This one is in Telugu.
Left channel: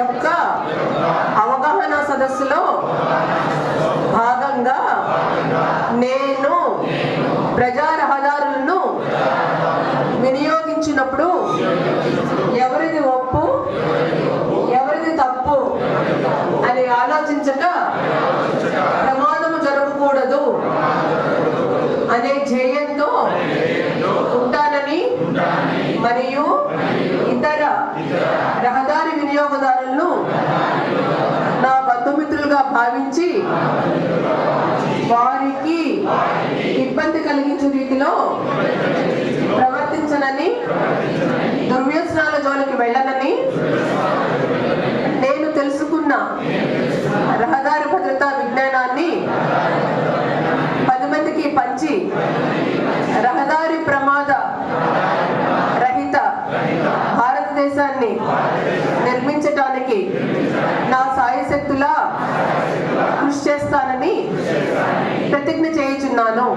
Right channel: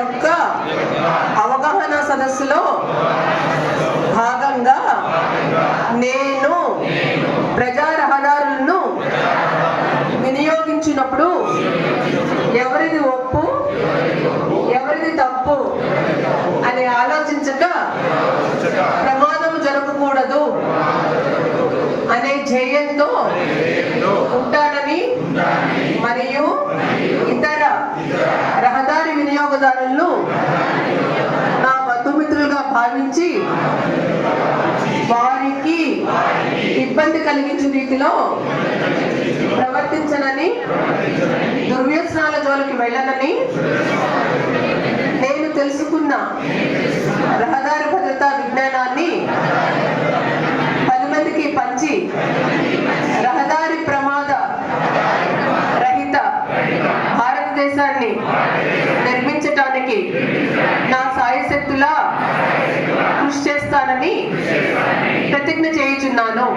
యొక్క అవగాహన సదస్సులో భాగంగా నేను ప్రజా రహదారులను వినియోగించినప్పుడు ఎవరిది ఒప్పు ఎవరిది తప్పు అని ఆలోచించక ప్రమాదము జరగకూడదు అనే ధ్యేయంతో ఉంటానని మరియు ఇతర రహదారి వినియోగదారులను నా బంధుమిత్రులుగా భావించి వారికి ఇబ్బంది కలిగించే రీతిలో ప్రవర్తించనని దుర్వ్యసనాల జోలికి వెళ్ళనని నేను తెలుసుకున్న రహదారి భద్రతా విజ్ఞానాన్ని 10 మందికి పంచి రహదారి ప్రమాద రహిత భారతదేశాన్ని నిర్మించటానికి నా సాయశక్తులా కృషి చేస్తానని ప్రతిజ్ఞ చేయుచున్నాను.